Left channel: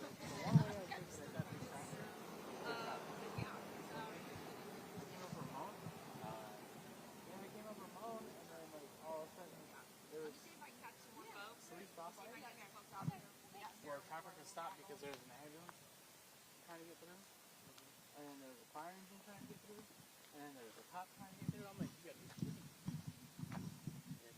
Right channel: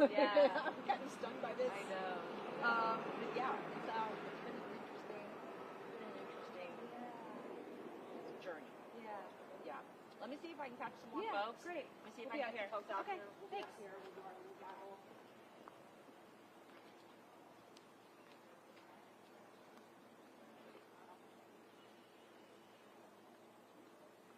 Yeah. I'm kind of stunned by this. I know. But yeah, it's been interesting. Journey. Yeah. Let me see if I can catch some more folks. Great. Let me see if I Yeah, can get some folks out okay, here. thanks. Here. Traffic can stop because there's an ambulance trying to get through, and then there's a fire engine trying to get through, and then there's a cop trying to get through. I'm like, you got GPS is good.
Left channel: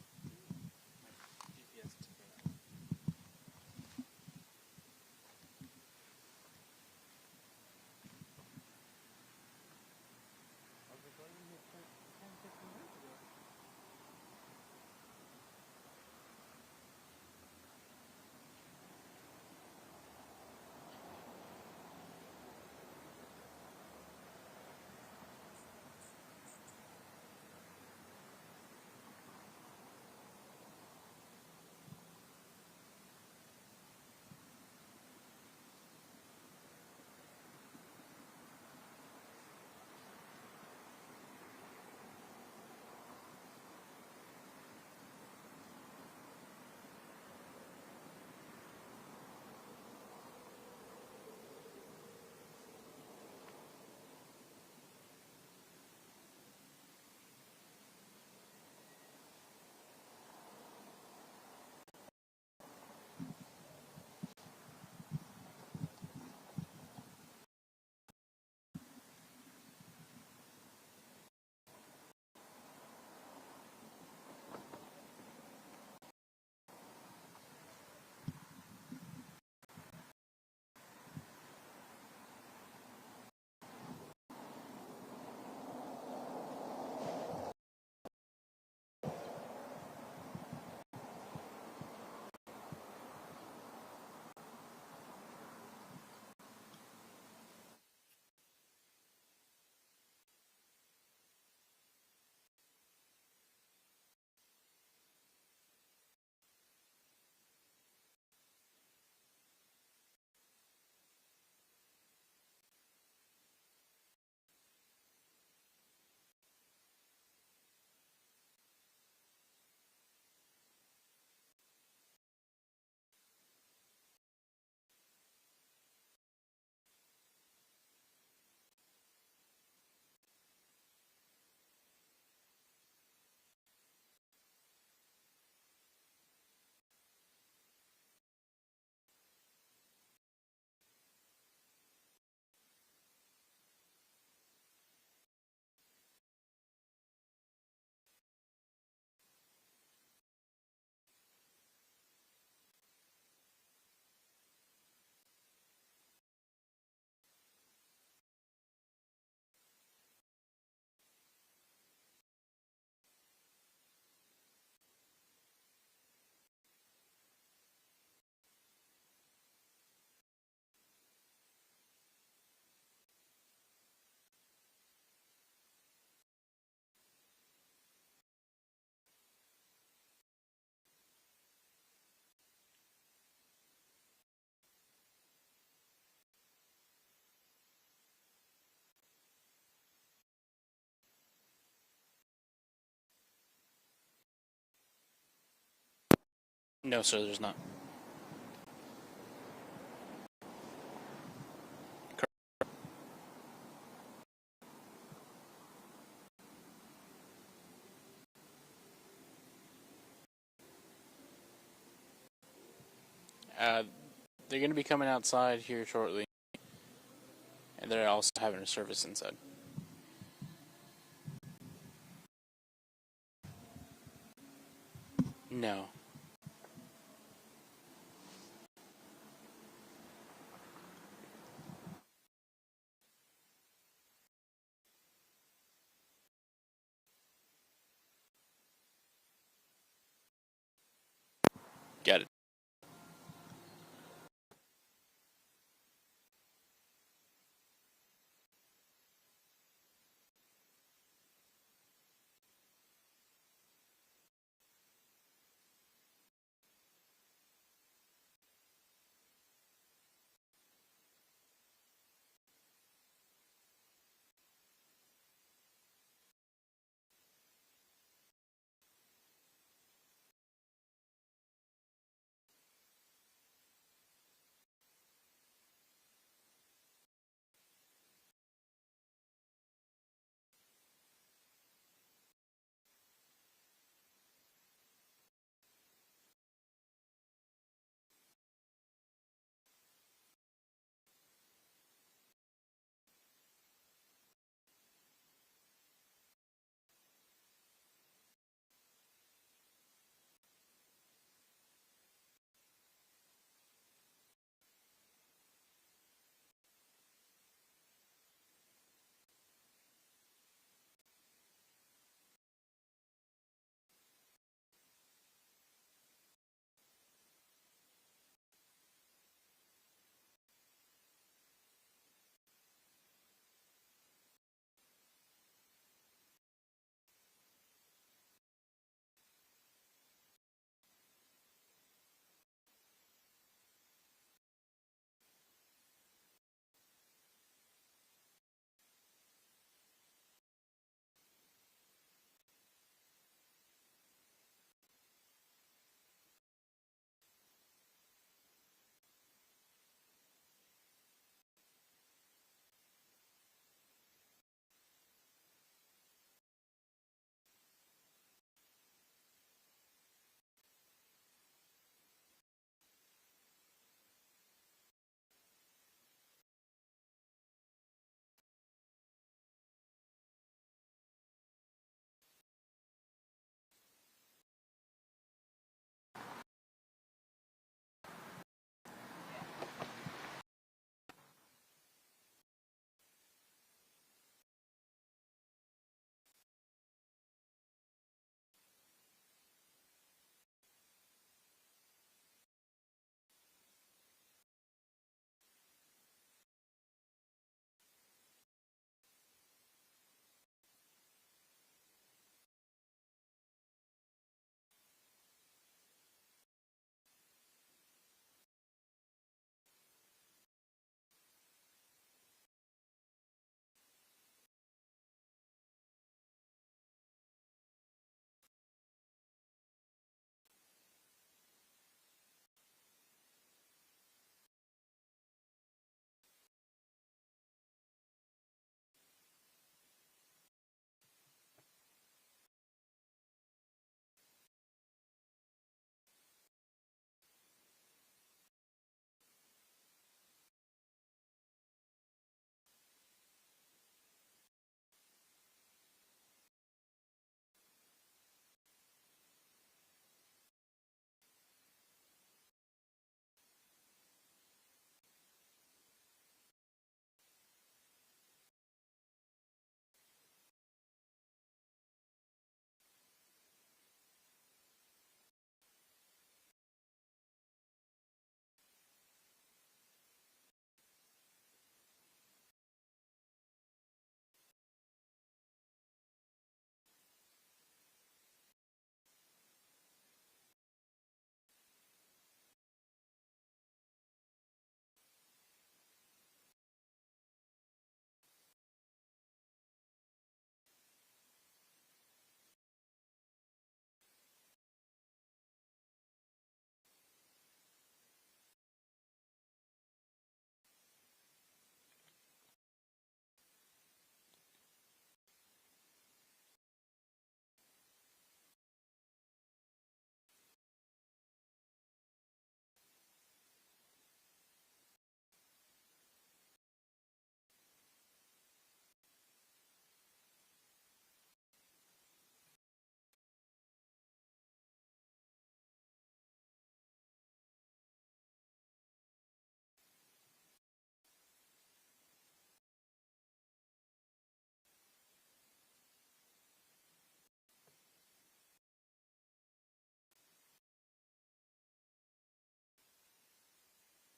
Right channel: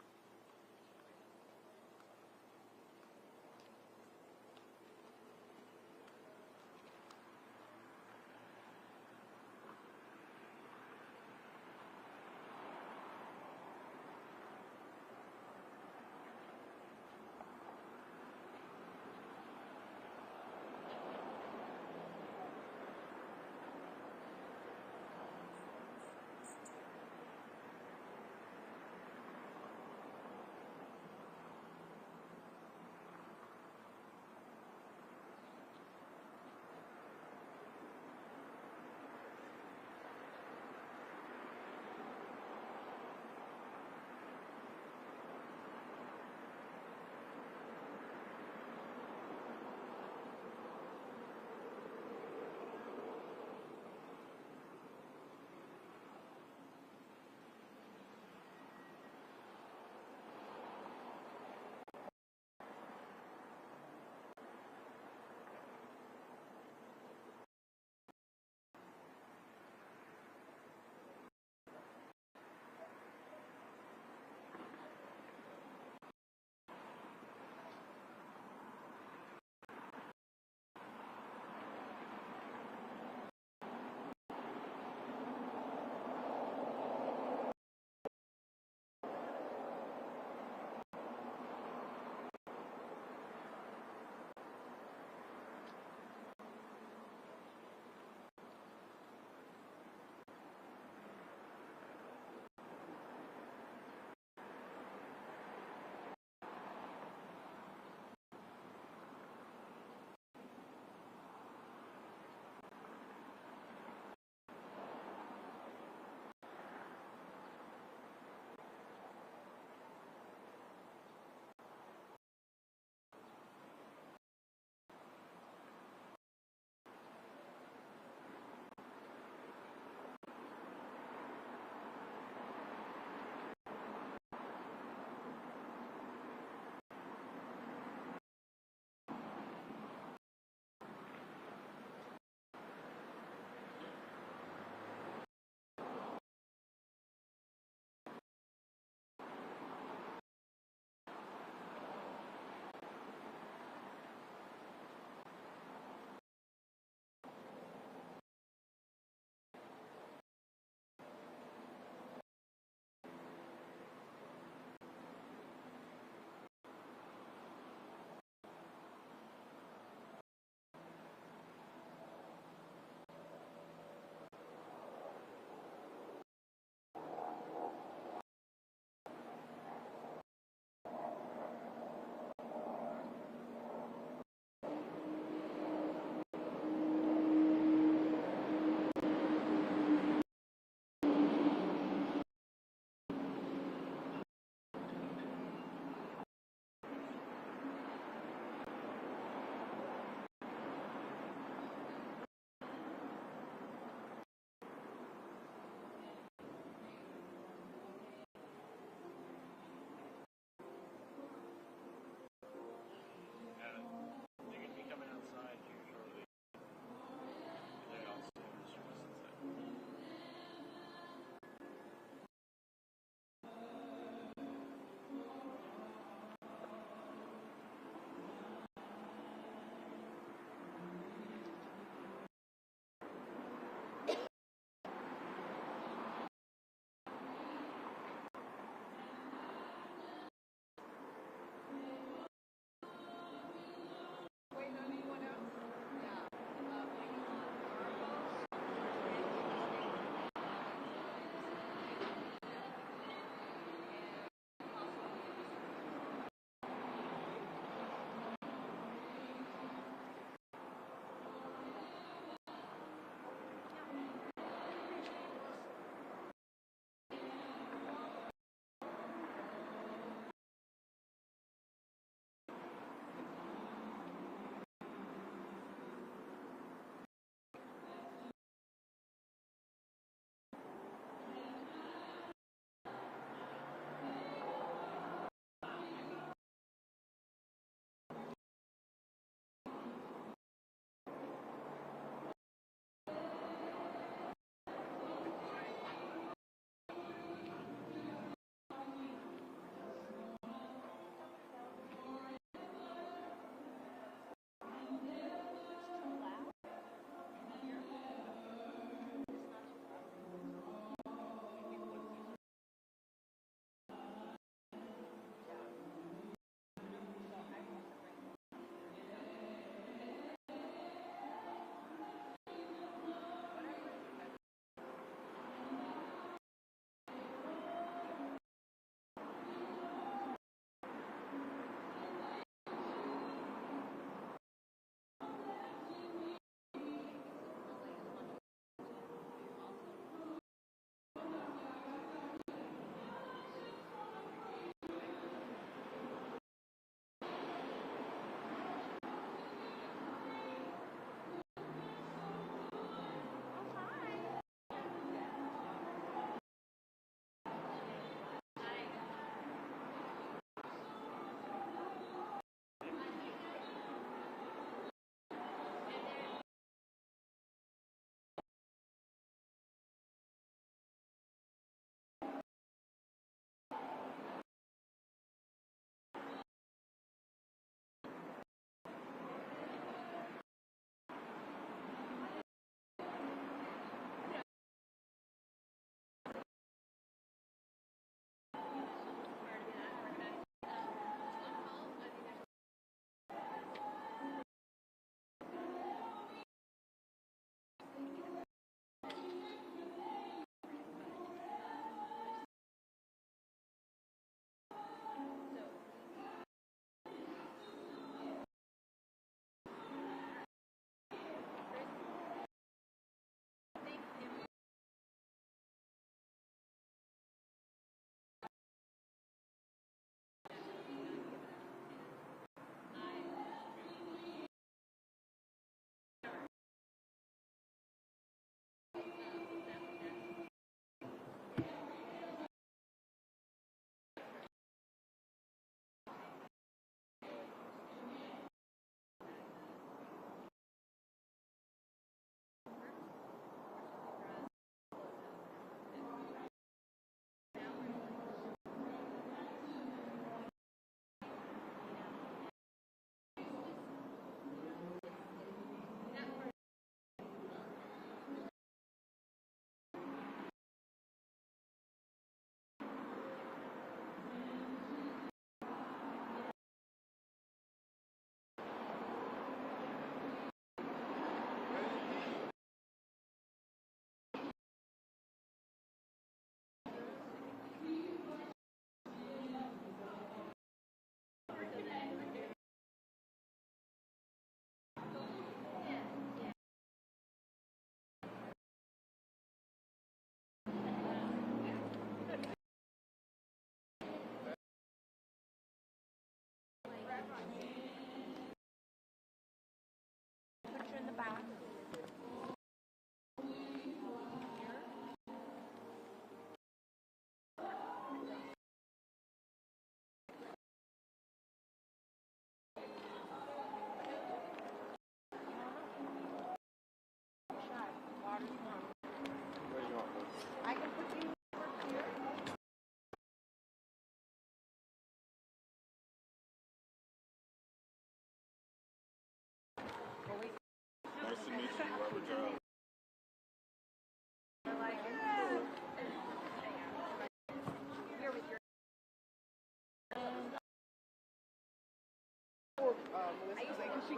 No, sir, there's not. They're going to be coming outside here shortly, and they're also having a service inside. No. Got it.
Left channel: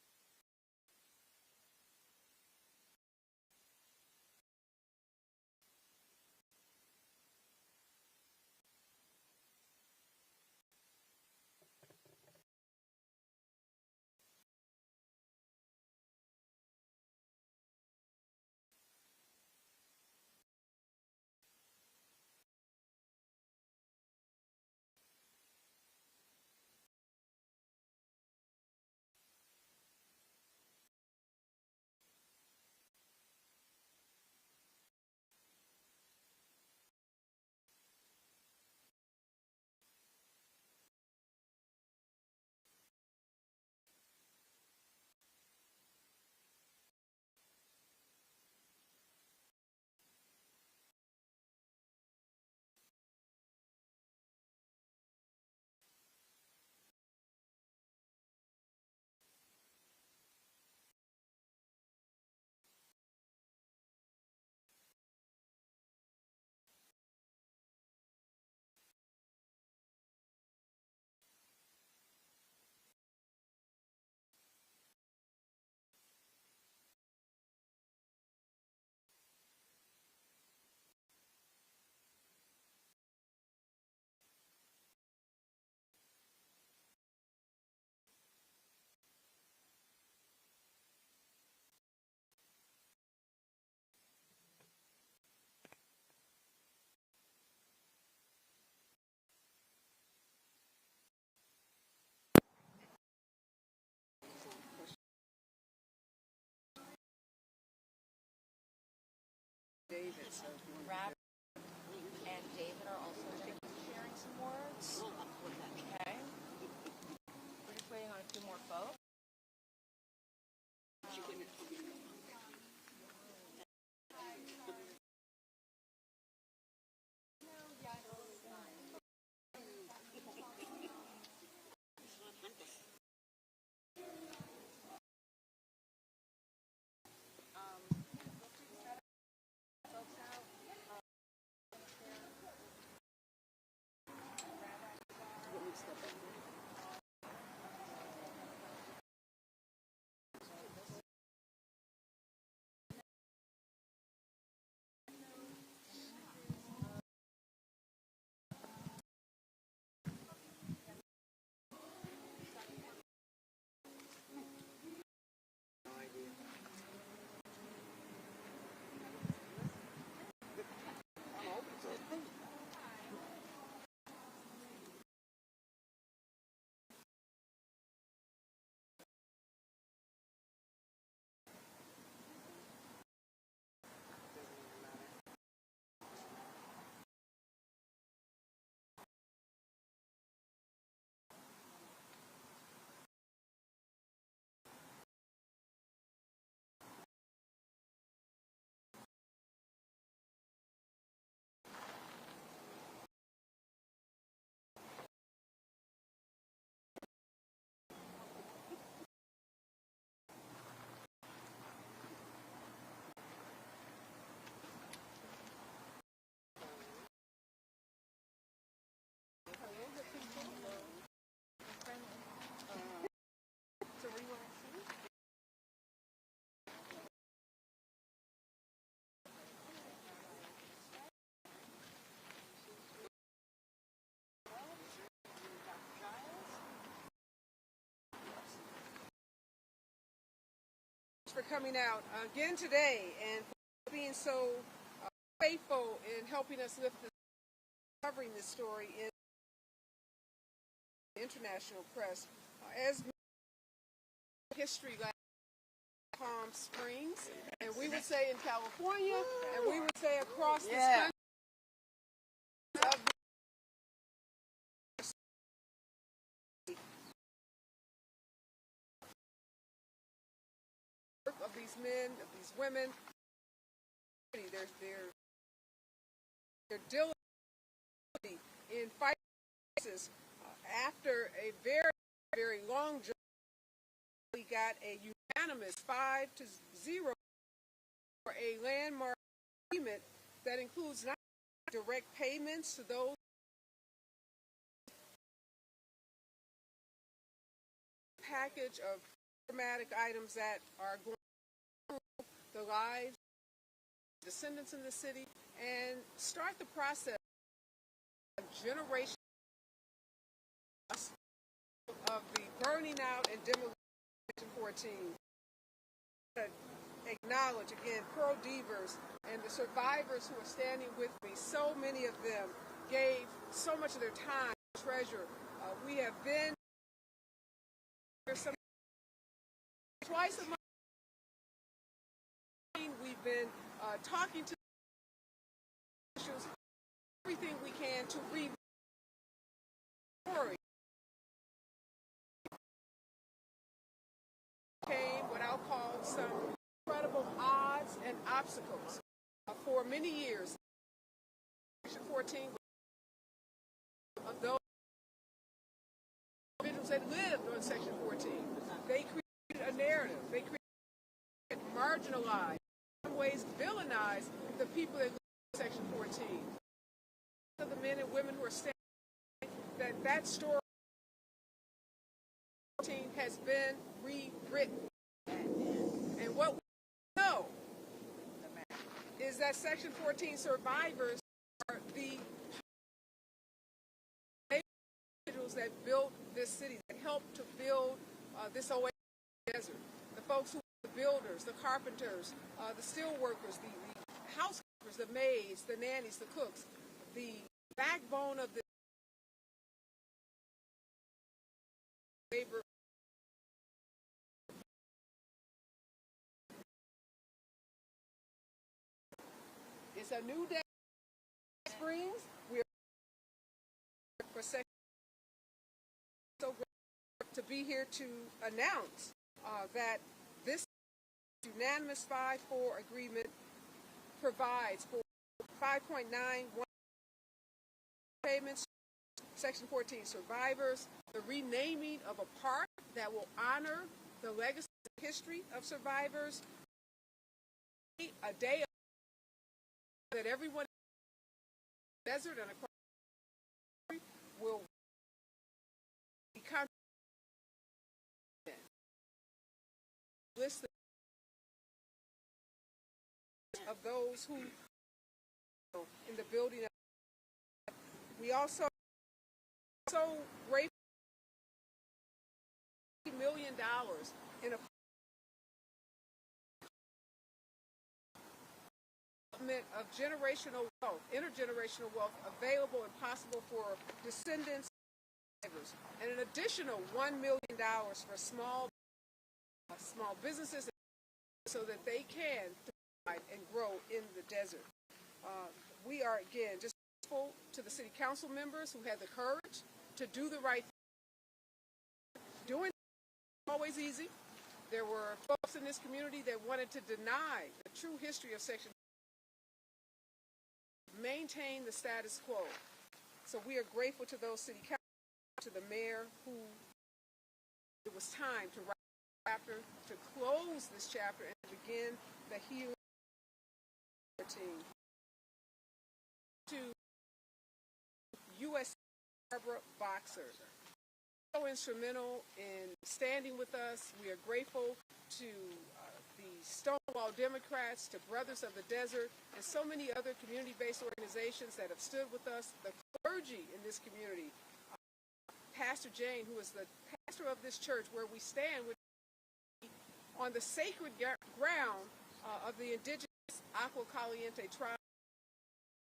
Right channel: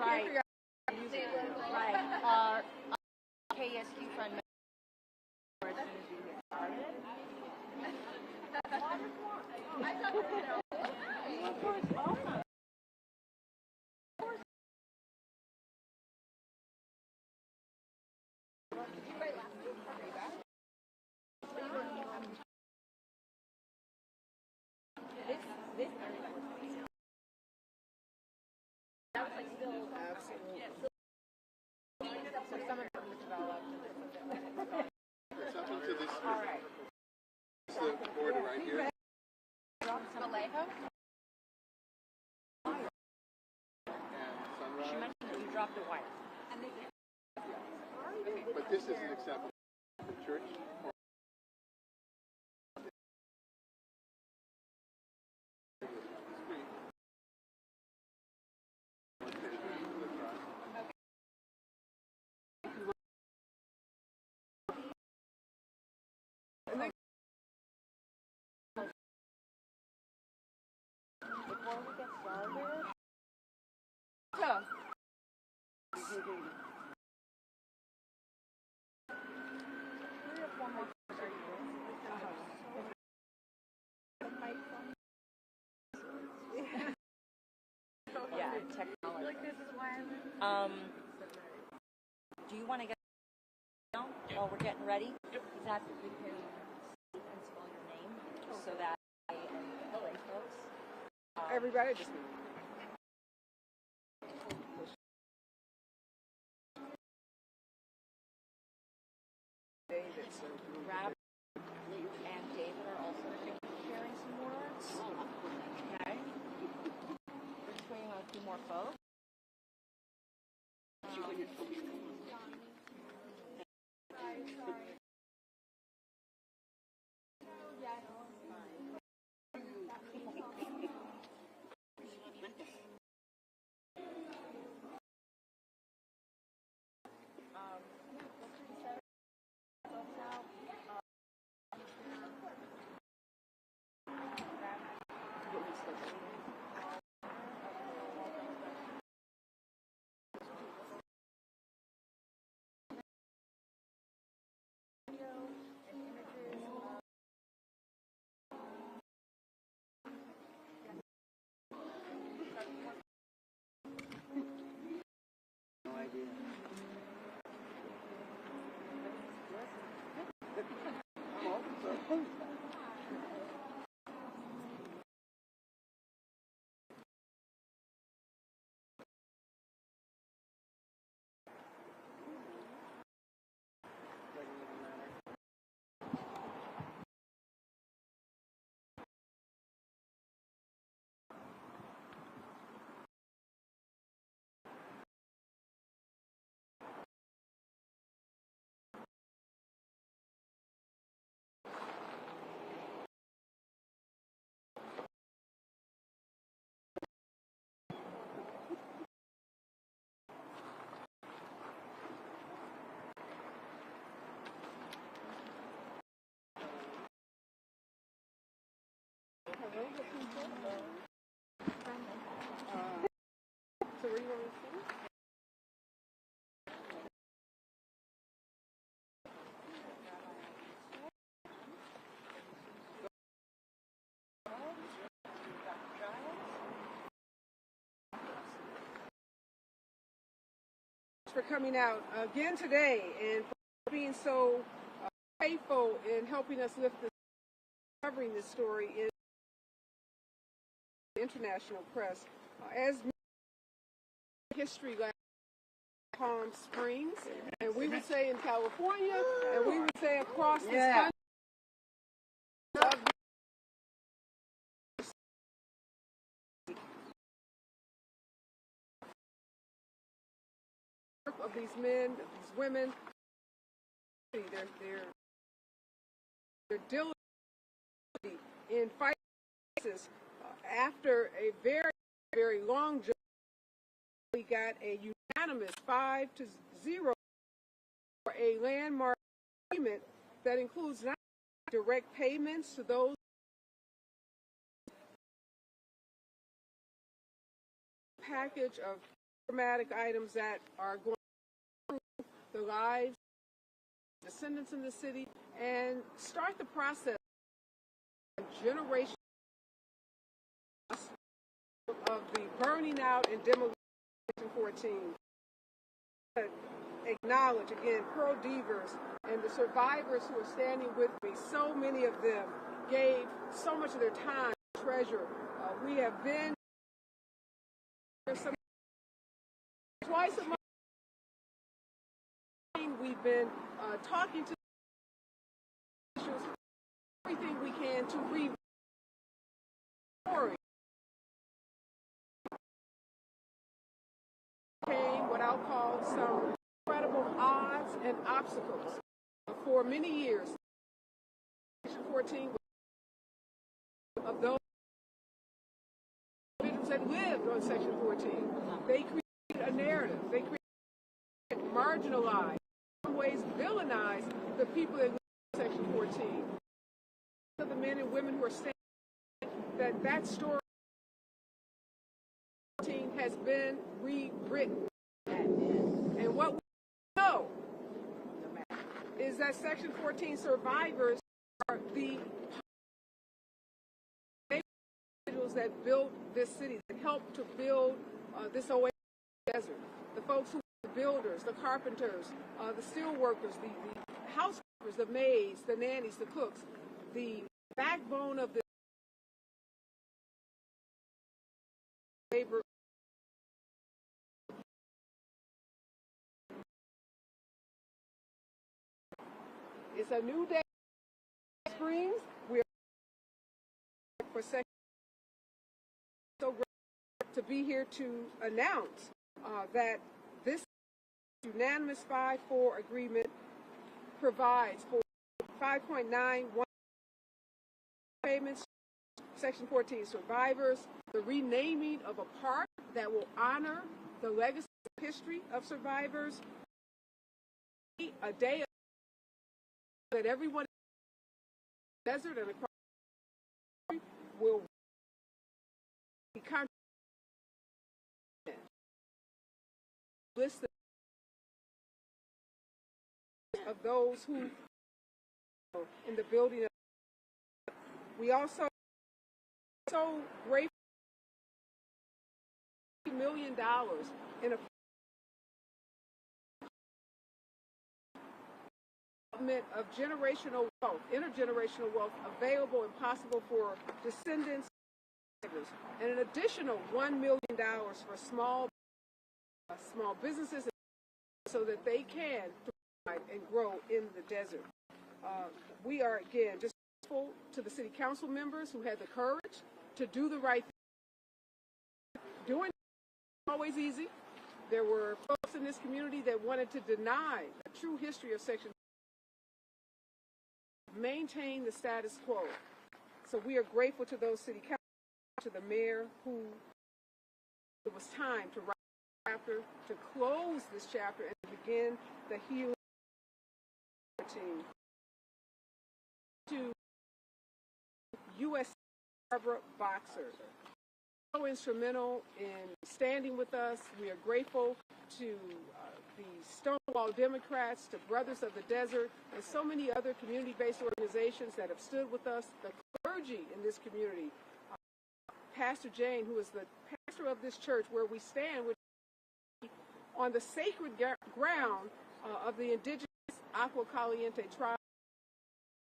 Right. Right. Our KSQ friend member as soon as we get started. Of course, oh my. It's up into this, the border right here. Vallejo? And She Sunrise. mentioned that you dropped a wire. But this isn't acceptable. The church or Before we get started, yeah, technology. Do you want to get now while we're getting ready? Is that we can speak and spell your name so that I and the lay folks. Everybody just David, so Rob and David are also going to be sharing some words. Okay. Just waiting on a few more folks. for coming out again today and for being so faithful in helping us lift this, covering this story in the international press. As history like Palm Springs, and we would say in California, and we would say across this country. Of these men, of these women, they're diligent in fighting ISIS. After a very, very long journey, we got a unanimous 5-0 for a landmark agreement that includes not direct payments to those package of dramatic items that are going through the lives of descendants in the city and start the process of generation of the burning out and demolition of Section 14. Acknowledge again Pearl Devers and the survivors who are standing with me. So many of them gave so much of their time, treasure. We have been twice a month. We've been talking to everything we can to read story. What I'll call some incredible odds and obstacles. For many years, Section 14 of those individuals that lived on Section 14, they created a narrative. They created, marginalized, in some ways villainized the people that lived in Section 14. The men and women who are saying that story has been rewritten. And what we know is that Section 14 survivors are the individuals that built this city, that helped to build this oasis desert. The folks who were the builders, the carpenters, the steel workers, the housekeepers, the maids, the nannies, the cooks, the backbone of the labor. It's a new day in Springs. We are for second. So great to be here to announce that this unanimous 5-4 agreement provides for 5.91 payments, Section 14 survivors, the renaming of a park that will honor the legacy and history of survivors, a day that everyone in the desert and across the country will be list of those who in the building. We also so grateful $1 million in a of generational wealth, intergenerational wealth available and possible for descendants, and an additional $1 million for small businesses so that they can thrive and grow in the desert. We are again just grateful to the city council members who had the courage to do the right thing. Doing it wasn't always easy. There were folks in this community that wanted to deny the true history of Section 14, maintain the status quo. So we are grateful to those city councilors, to the mayor, who it was time to write a chapter, to close this chapter and begin the healing team. To U.S. Barbara Boxer, so instrumental in standing with us. We are grateful to the Stonewall Democrats, to Brothers of the Desert, and so many other community-based organizations that have stood with us, the clergy in this community. Pastor Jane, who is the pastor of this church, where we stand with on the sacred ground of the indigenous Agua Caliente tribe,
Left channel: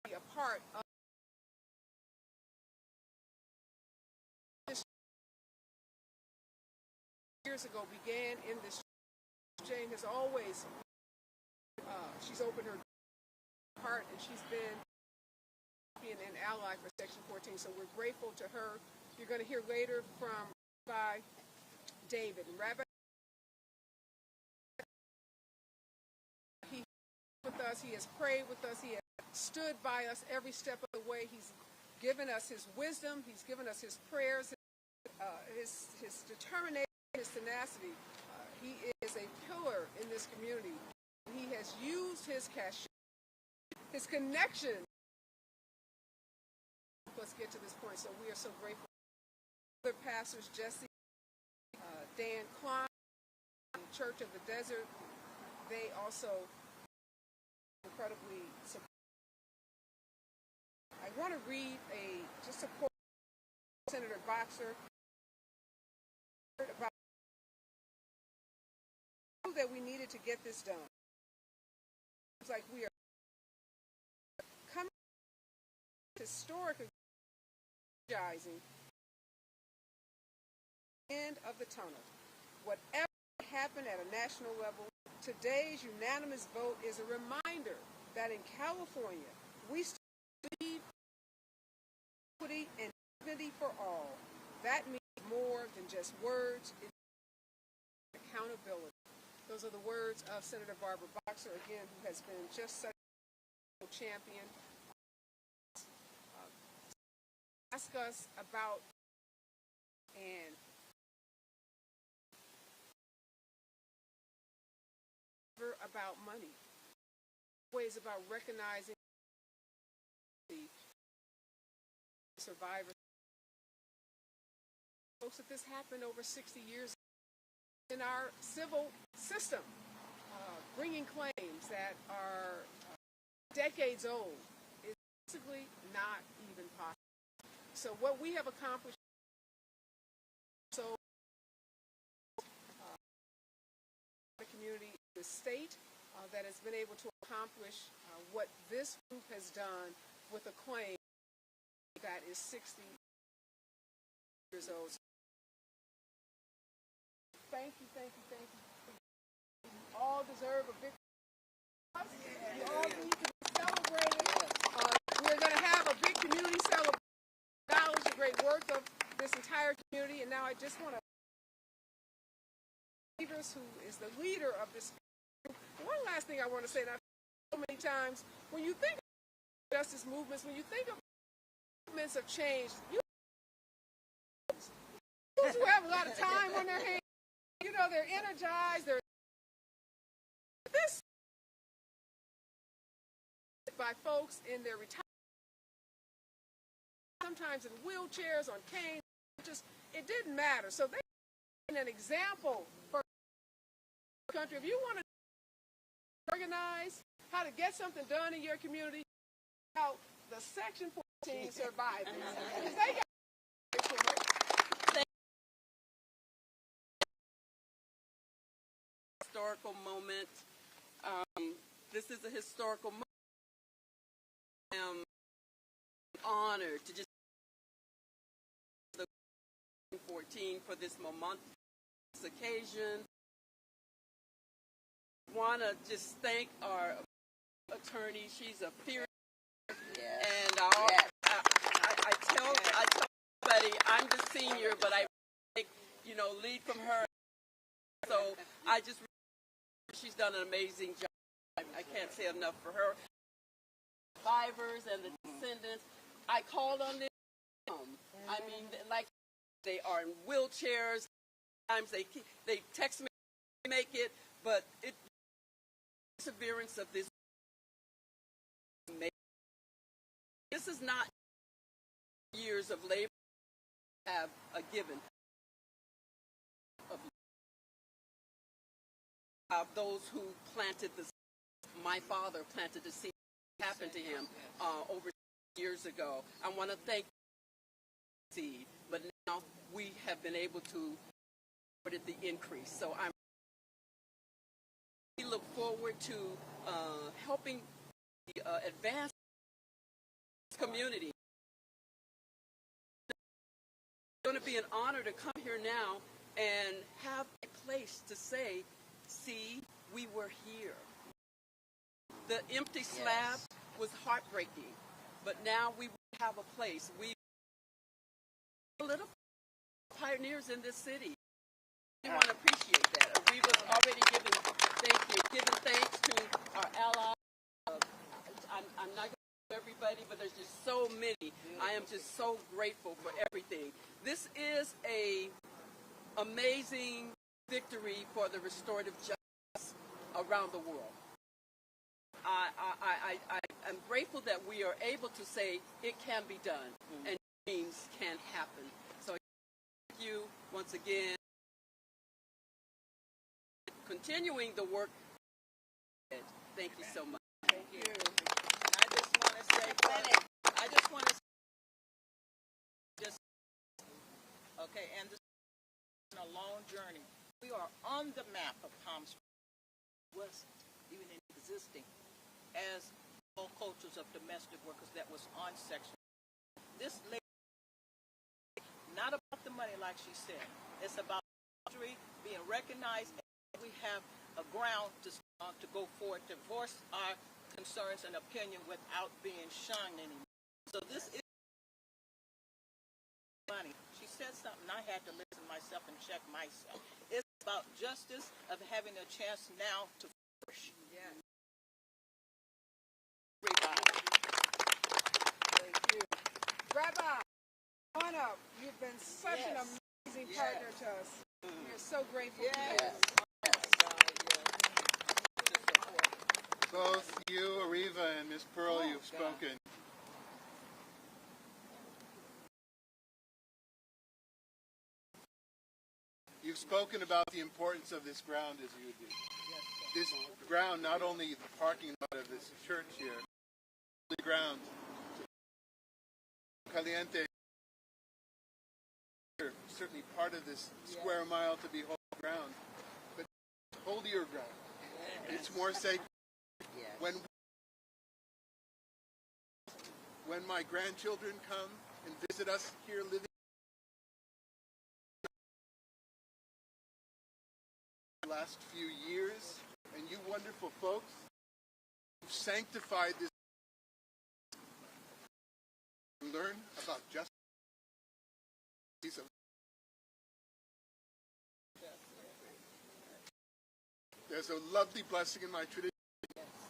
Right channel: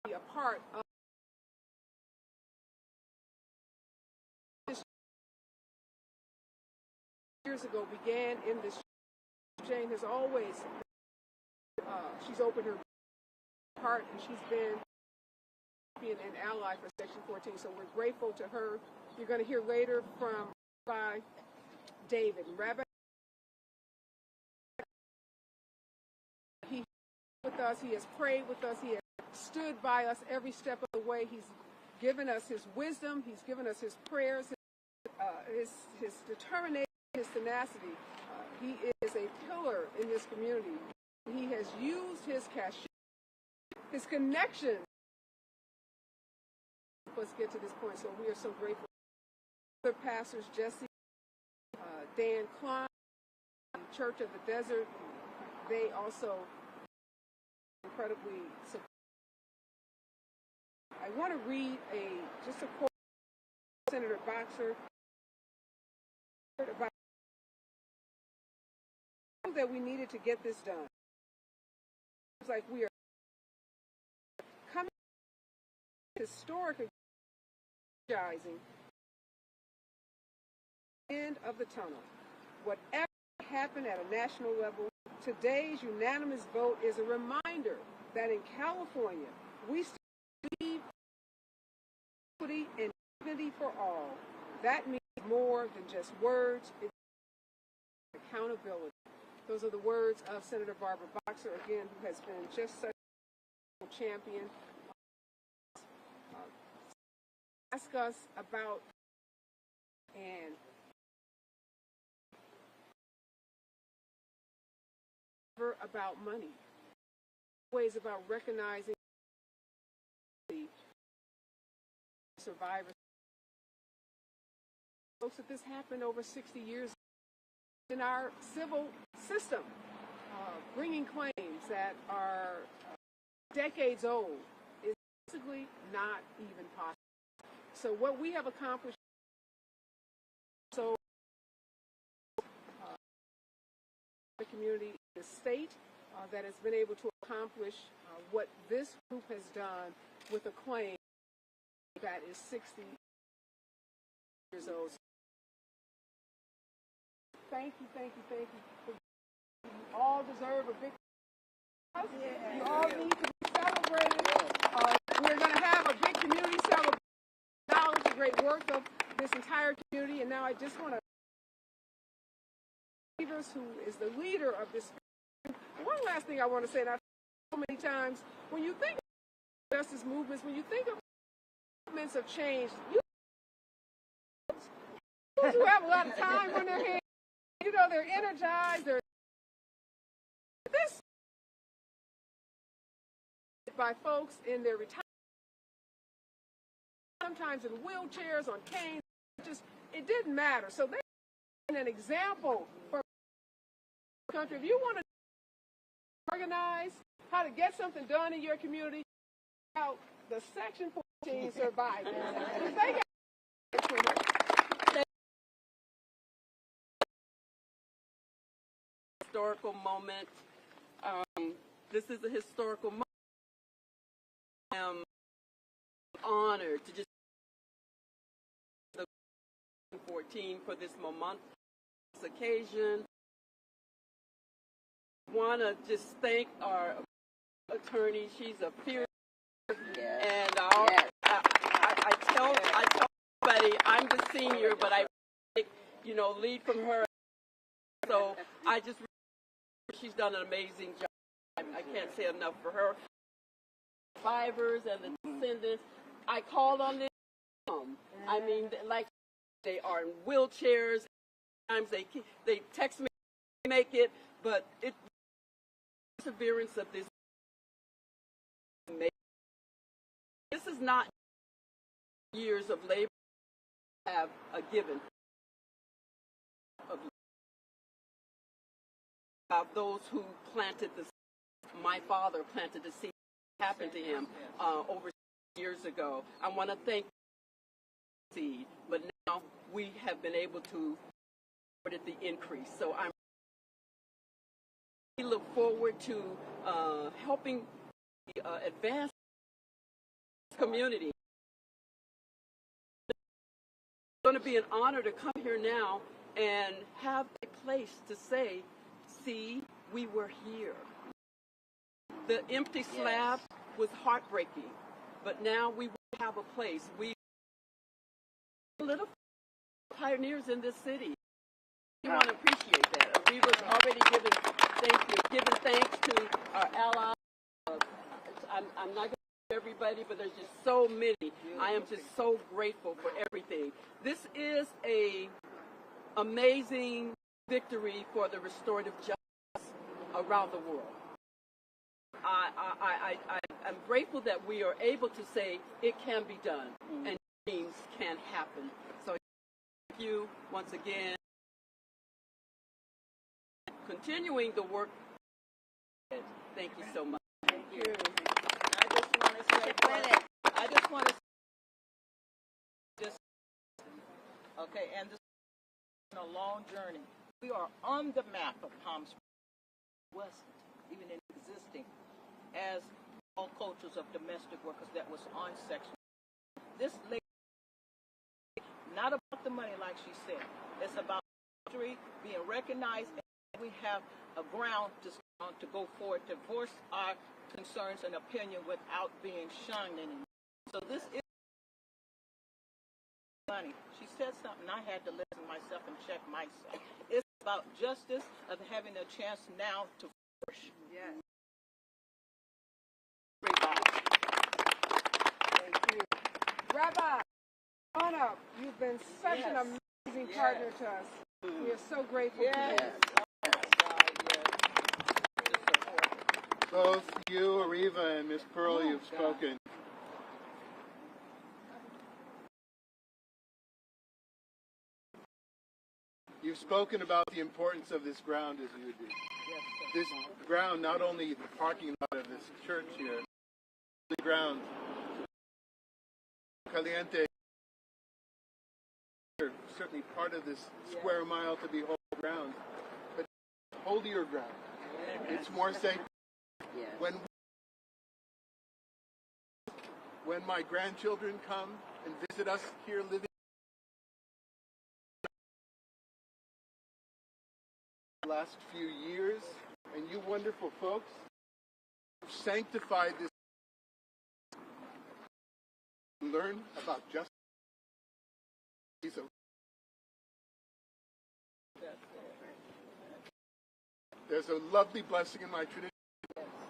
a part of years ago began in this church. Jane has always she's opened her heart, and she's been an ally for Section 14, so we're grateful to her. You're going to hear later from Rabbi David. And Rabbi, he with us, he has prayed with us, he has stood by us every step of the way. He's given us his wisdom, he's given us his prayers, his determination, his tenacity. He is a pillar in this community. He has used his cachet, his connection. Let's get to this point. So we are so grateful. Other pastors, Jesse, Dan Klum, Church of the Desert, they also incredibly support. I want to read just a quote from Senator Boxer about that we needed to get this done. It's like we are coming to historic energizing end of the tunnel. Whatever happened at a national level, today's unanimous vote is a reminder that in California, we still believe equity and dignity for all. That means more than just words. It's accountability. Those are the words of Senator Barbara Boxer, again, who has been just such a champion. Ask us about and about money, ways about recognizing the survivors. Folks, that this happened over 60 years in our civil system, bringing claims that are decades old is basically not even possible. So what we have accomplished, the community, the state that has been able to accomplish what this group has done with a claim that is 60 years old. Thank you. You all deserve a victory. You all need to be celebrated. We're going to have a big community celebration. Acknowledge the great work of this entire community, and now I just want to who is the leader of this. One last thing I want to say, and I've said so many times, when you think of justice movements, when you think of movements of change, those who have a lot of time on their hands, they're energized, this by folks in their retirement, sometimes in wheelchairs, on canes, it didn't matter. So they're an example for the country. If you want to organize how to get something done in your community, about the Section 14 survivors. They got historical moment. This is a historical moment. I am honored to just 14 for this momentous occasion. Want to just thank our attorney. She's a fierce, and I tell everybody I'm the senior, but I lead from her. So she's done an amazing job. I can't say enough for her. Survivors and the descendants, I called on them. I mean, like they are in wheelchairs. Sometimes they text me to make it, but the perseverance of this. This is not years of labor have a given of those who planted the seed. My father planted the seed. Happened to him over years ago. I want to thank the seed, but now we have been able to support the increase. So we look forward to helping the advance community. It's going to be an honor to come here now and have a place to say, see, we were here. The empty slab was heartbreaking, but now we have a place. We are little pioneers in this city. We want to appreciate that. We was already giving thanks to our allies. I'm not going to give everybody, but there's just so many. I am just so grateful for everything. This is a amazing victory for the restorative justice around the world. I'm grateful that we are able to say it can be done and dreams can happen. So thank you once again. continuing the work. Thank you so much. Thank you. I just want to say, okay, and this is a long journey. We are on the map of Palm Springs West, even in existing, as all cultures of domestic workers that was on section. This lady, not about the money like she said. It's about history, being recognized, and we have a ground to go forward, to voice our concerns and opinion without being shunned anymore. So this is money. She said something, I had to listen myself and check myself. It's about justice, of having a chance now to flourish. Yes. Thank you. Rabbi, on up. You've been such an amazing partner to us. We are so grateful for you. Both you, Ariva, and Miss Pearl, you've spoken. You've spoken about the importance of this ground as you do. This ground, not only the parking lot of this church here, the ground, Caliente, certainly part of this square mile to be holy ground, but holier ground. It's more sacred. When my grandchildren come and visit us here living the last few years, and you wonderful folks who've sanctified this, learn about justice. There's a lovely blessing in my tradition.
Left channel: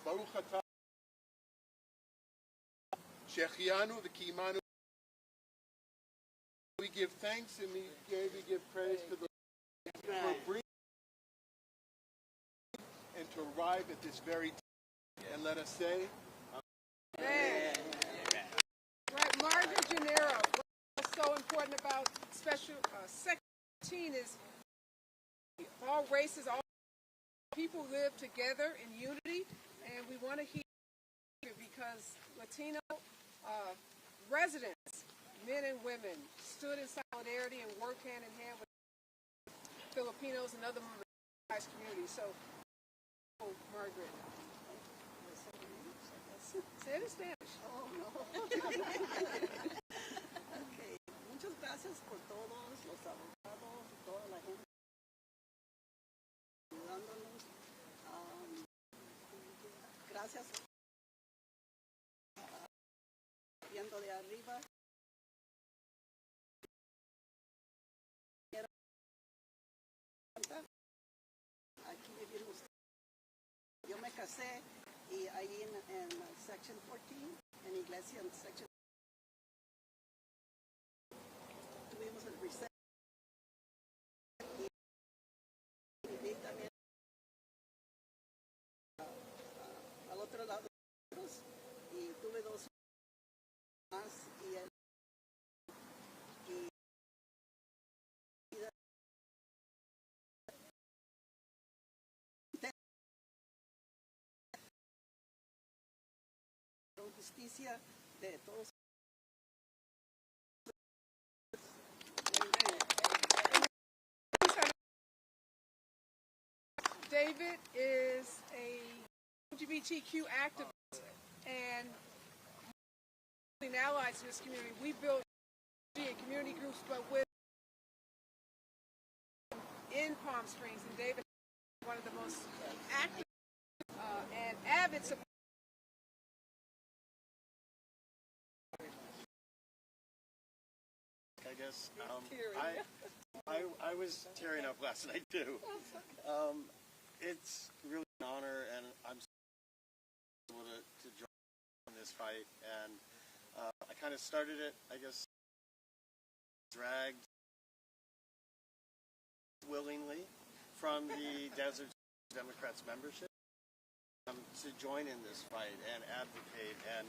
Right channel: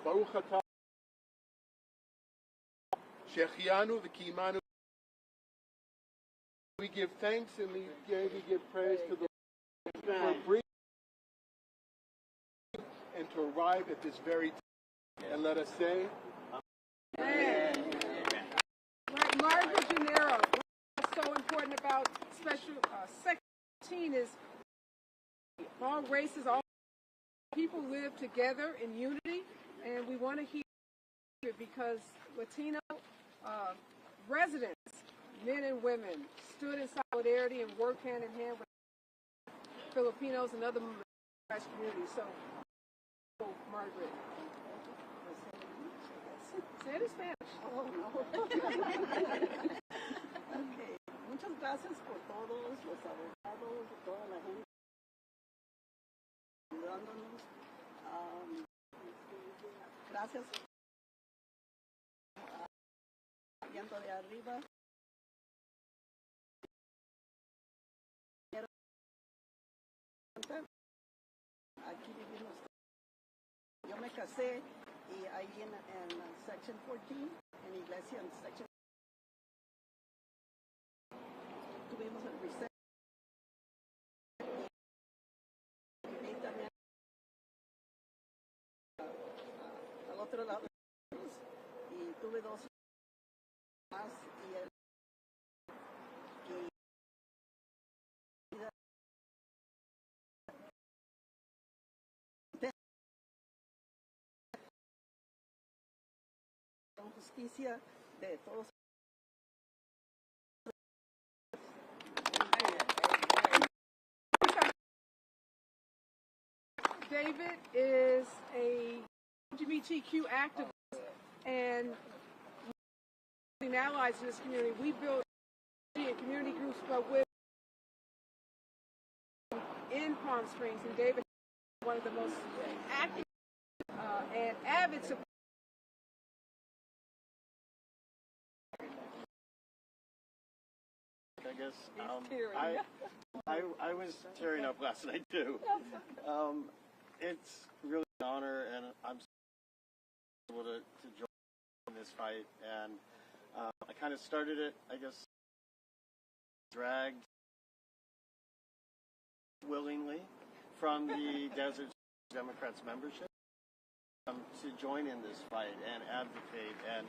Baruch atah Shechianu v'kimanu. We give thanks and we give praise to the Lord for bringing and to arrive at this very time. And let us say, Amen. Right, Margaret Gennaro. What's so important about special Section 18 is all races, all people live together in unity, and we want to hear it because Latino residents, men and women, stood in solidarity and worked hand in hand with Filipinos and other marginalized communities. So, Margaret. Say it in Spanish. Oh, no. Okay. Muchas gracias por todos los abogados, toda la gente ayudándonos. Gracias. Viendo de arriba. Aquí vivimos. Yo me casé y ahí en Section 14, en iglesia en Section, tuvimos el reset. Y también al otro lado y tuve dos más y él con justicia de todos. David is a LGBTQ activist and allies in this community. We built community groups, but with in Palm Springs, and David is one of the most active and avid supporters. I guess I was tearing up last night too. It's really an honor, and I'm able to join in this fight. And I kind of started it, I guess, dragged willingly from the Desert Democrats membership to join in this fight and advocate and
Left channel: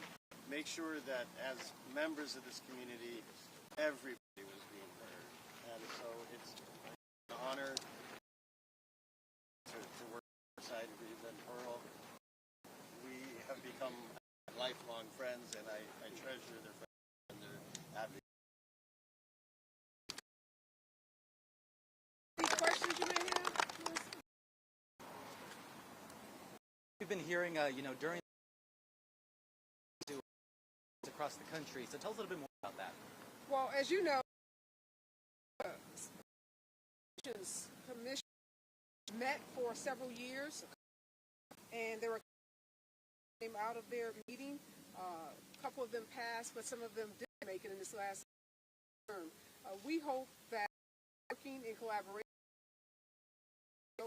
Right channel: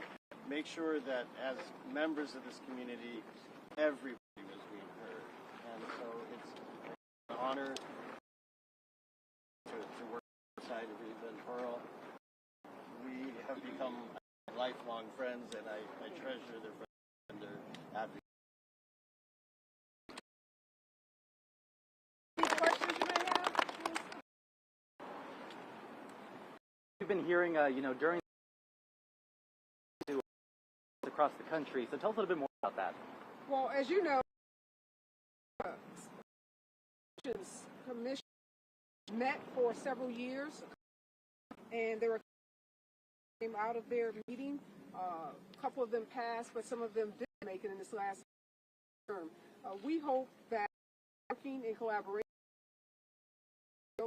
make sure that as members of this community, everybody was being heard. And so it's an honor become lifelong friends, and I treasure their friendship and their advocacy. Any questions you may have? We've been hearing, during across the country. So tell us a little bit more about that. Well, as you know, commission met for several years, and there were came out of their meeting. A couple of them passed, but some of them didn't make it in this last term. We hope that working in collaboration, you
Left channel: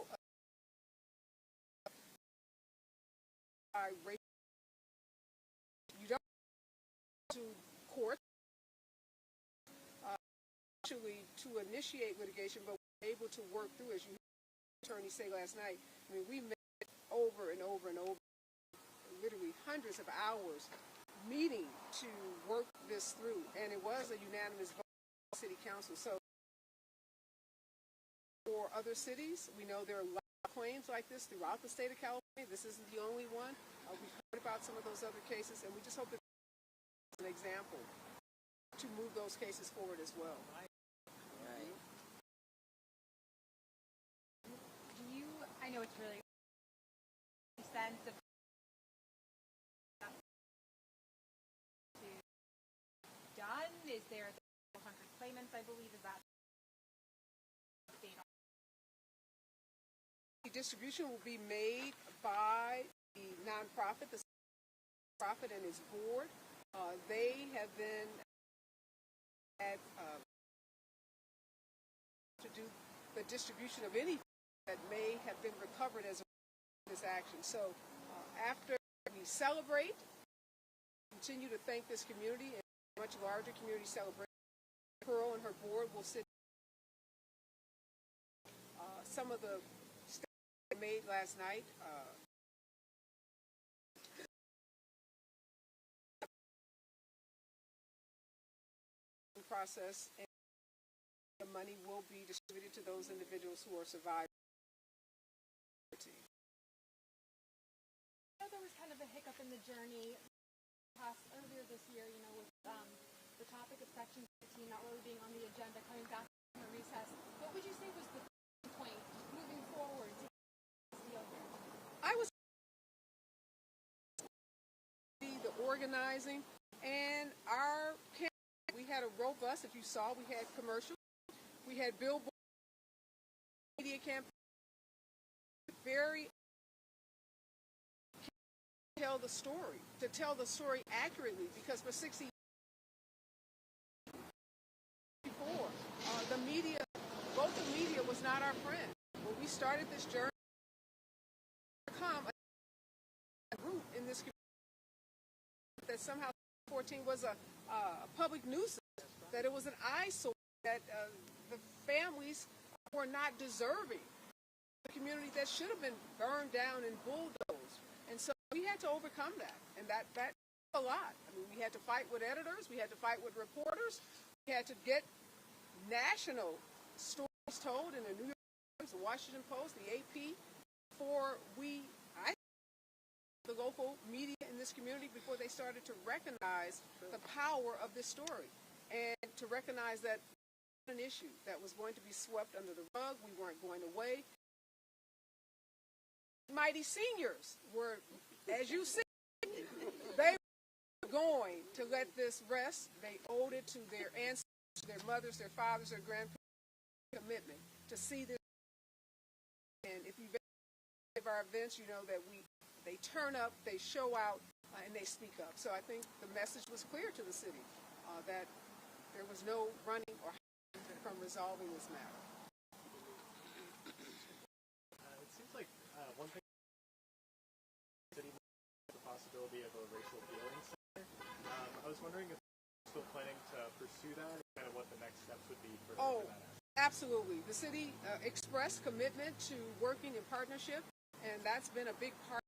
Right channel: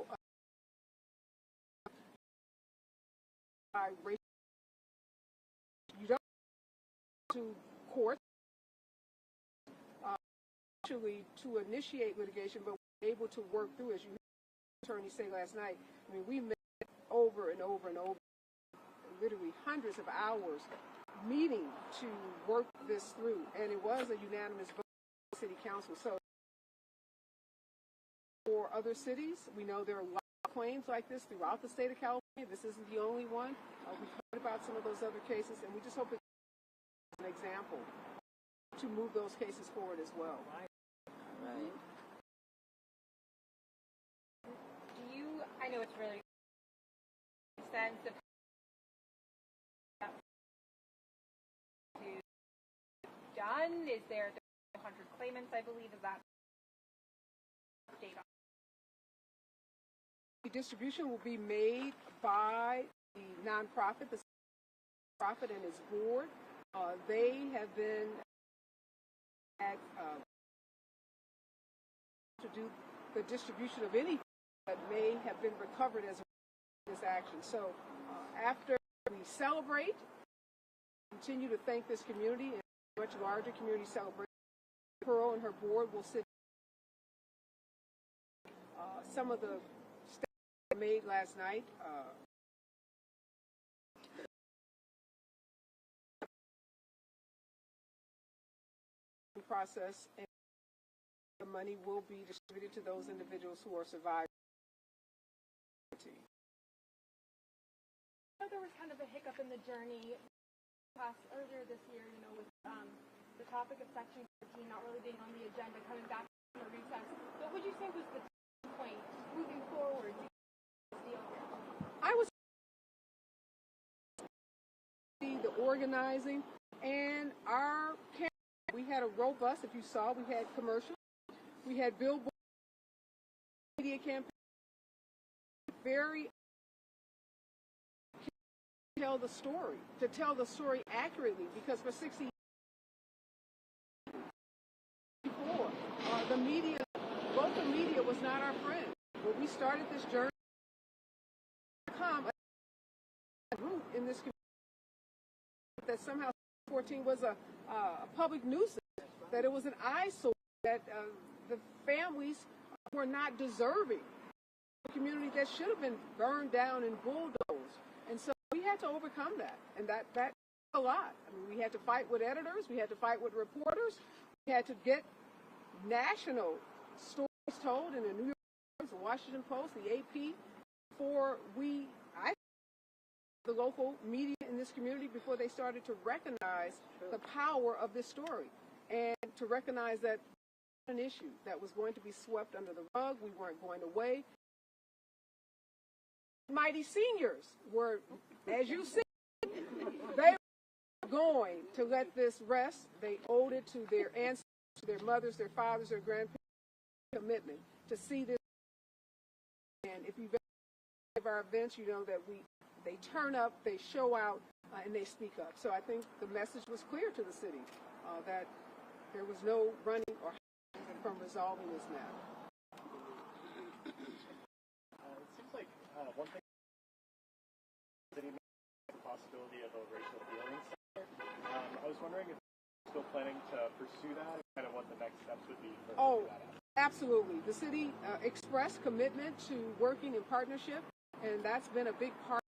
don't to court actually to initiate litigation, but we're able to work through, as you heard the attorney say last night. I mean, we met over and over and over, literally hundreds of hours meeting to work this through, and it was a unanimous vote of the city council. So for other cities, we know there are a lot of claims like this throughout the state of California. This isn't the only one. We've heard about some of those other cases, and we just hope that it's an example to move those cases forward as well. Right. Do you, I know it's really sense of done? Is there 100 claimants, I believe, is that data? The distribution will be made by the nonprofit, the nonprofit and its board. They have been to do the distribution of anything that may have been recovered as a this action. So after we celebrate, continue to thank this community and a much larger community celebration, Pearl and her board will sit. Some of the statements made last night. Process, and the money will be distributed to those individuals who are surviving. I know there was kind of a hiccup in the journey earlier this year, with the topic of Section 15 not really being on the agenda, coming back from the recess. What would you say was the point moving forward to this deal here? I was the organizing and our campaign. We had a robust, if you saw, we had commercials, we had billboard, media campaign, very tell the story, to tell the story accurately, because for 60 years before, the media, local media was not our friend. When we started this journey, a root in this community that somehow 14 was a public nuisance, that it was an eyesore, that the families were not deserving. A community that should have been burned down and bulldozed. And so we had to overcome that. And that a lot. I mean, we had to fight with editors, we had to fight with reporters, we had to get national stories told in the New York Times, the Washington Post, the AP, before the local media in this community, before they started to recognize the power of this story and to recognize that an issue that was going to be swept under the rug. We weren't going away. Mighty seniors were, as you said, they were going to let this rest. They owed it to their ancestors, their mothers, their fathers, their grandparents, commitment to see this. And if you've been to our events, you know that they turn up, they show out, and they speak up. So I think the message was clear to the city that there was no running or hiding from resolving this matter. It seems like one thing the city has the possibility of a racial healing center. I was wondering if you're still planning to pursue that and kind of what the next steps would be for that. Absolutely. The city expressed commitment to working in partnership, and that's been a big part.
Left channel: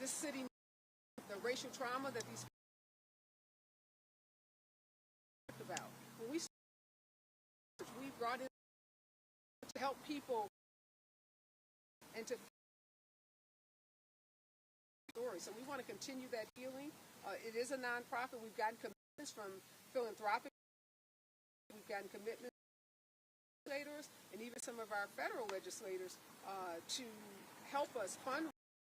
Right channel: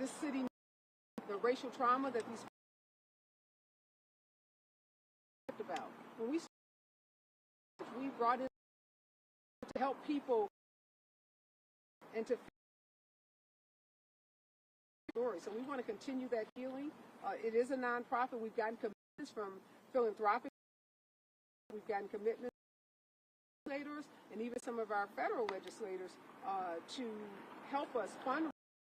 This city, the racial trauma that these people about. When we brought in to help people and to story. So we want to continue that healing. It is a nonprofit. We've gotten commitments from philanthropic. We've gotten commitments from legislators and even some of our federal legislators to help us fund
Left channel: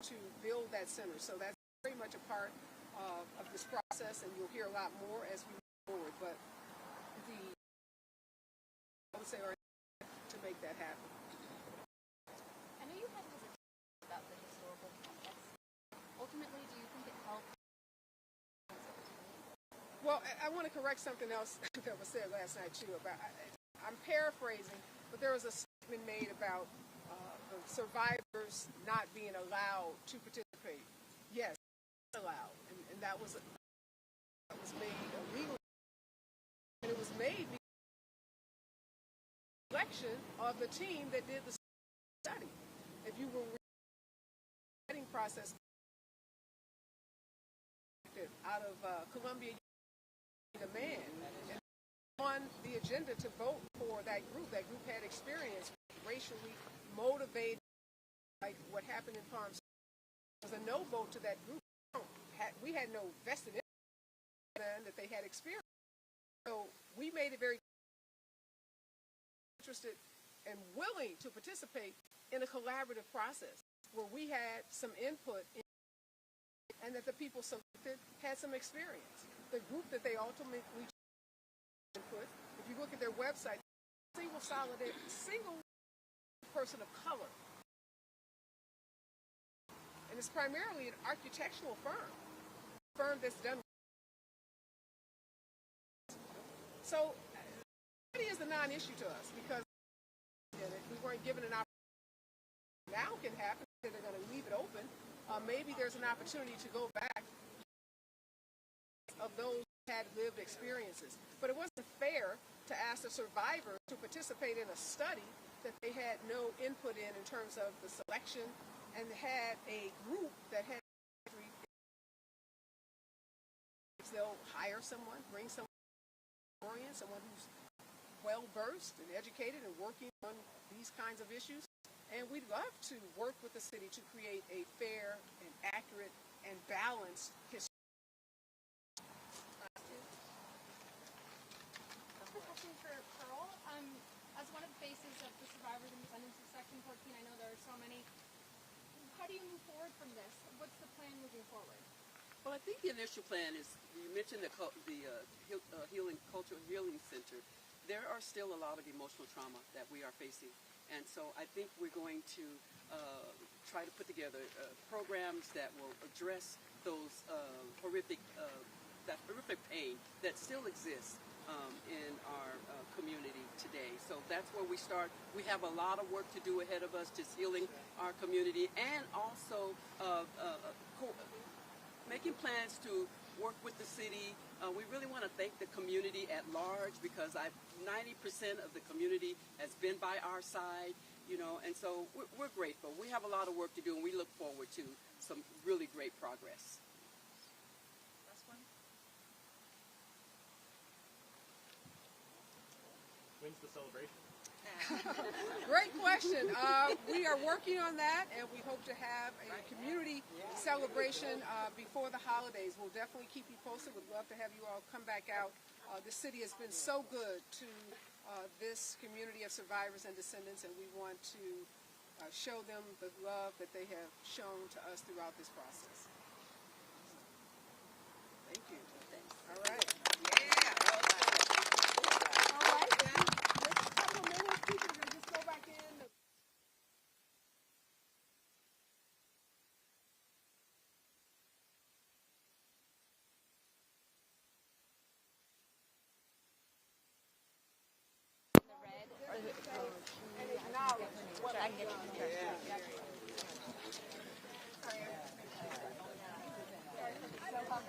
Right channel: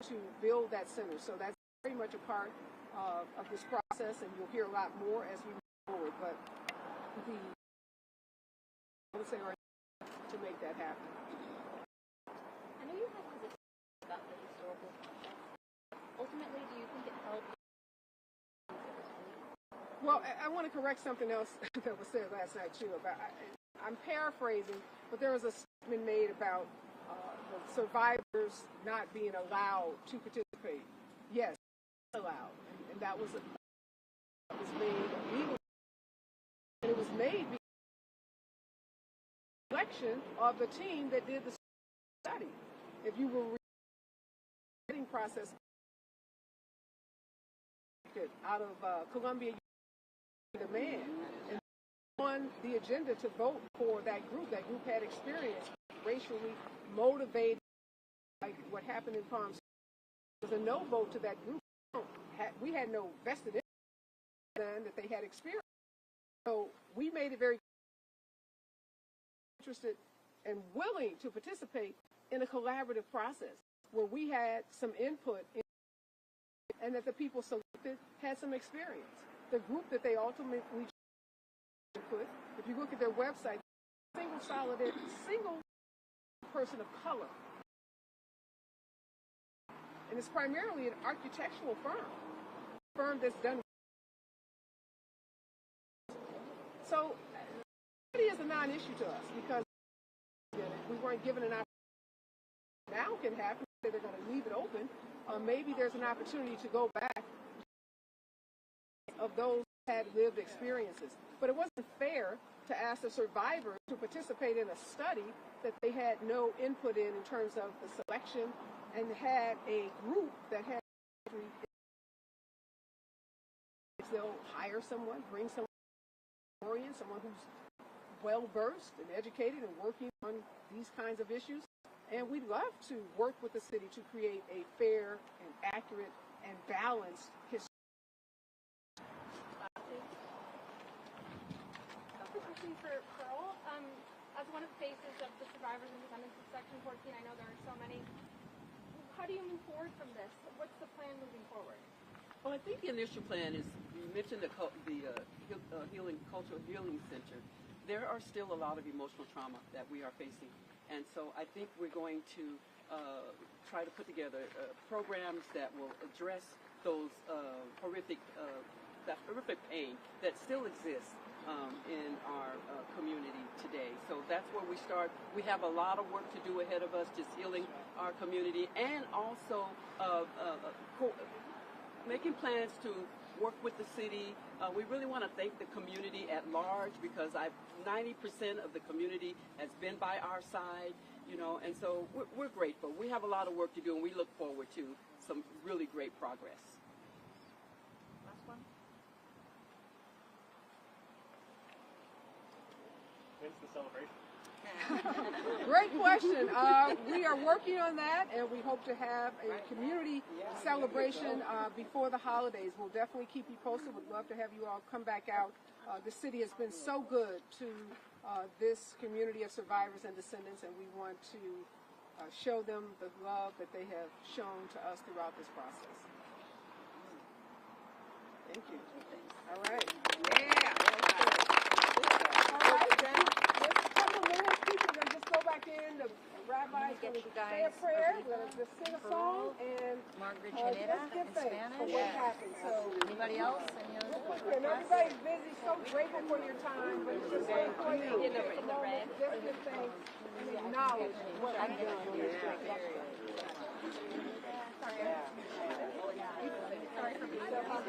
to build that center. So that's very much a part of this process, and you'll hear a lot more as we move forward. But I would say to make that happen. I know you had hesitations about the historical context. Ultimately, do you think it helped? Well, I want to correct something else that was said last night too. I'm paraphrasing, but there was a statement made about the survivors not being allowed to participate. Yes, allowed, and that was made illegal, and it was made because of the selection of the team that did the study. If you were reading process out of Columbia demand and on the agenda to vote for that group. That group had experience racially motivated, like what happened in Palm Springs. It was a no vote to that group. We had no vested interest in that they had experience. So we made it very interested and willing to participate in a collaborative process where we had some input in, and that the people selected had some experience. The group that they ultimately put, if you look at their website, single person of color. And it's primarily an architectural firm that's done. So, study is a non-issue to us because we weren't given an opportunity. Now can happen, they're going to leave it open. Maybe there's an opportunity to go back of those who had lived experiences. But it wasn't fair to ask the survivors to participate in a study that they had no input in terms of the selection, and had a group that had, they'll hire someone, bring someone who's well-versed and educated and working on these kinds of issues. And we'd love to work with the city to create a fair and accurate and balanced history. For all, as one of the faces of the survivors and descendants of Section 14, I know there are so many. How do you move forward from this? What's the plan moving forward? Well, I think the initial plan is, you mentioned the Cultural Healing Center. There are still a lot of emotional trauma that we are facing. And so I think we're going to try to put together programs that will address those that horrific pain that still exists in our community today. So that's where we start. We have a lot of work to do ahead of us, just healing our community, and also making plans to work with the city. We really want to thank the community at large because 90% of the community has been by our side, and so we're grateful. We have a lot of work to do, and we look forward to some really great progress. Last one. When's the celebration? Great question. We are working on that, and we hope to have a community celebration before the holidays. We'll definitely keep you posted. Would love to have you all come back out. The city has been so good to this community of survivors and descendants, and we want to show them the love that they have shown to us throughout this process. Thank you. All right. Get you guys say a prayer, we're going to just sing a song, and Margaret Janetta in Spanish. for what happened. So, Anybody else? Any other and everybody's busy, so grateful for your time, but it's just so important to take a moment just to thank and acknowledge what you've done.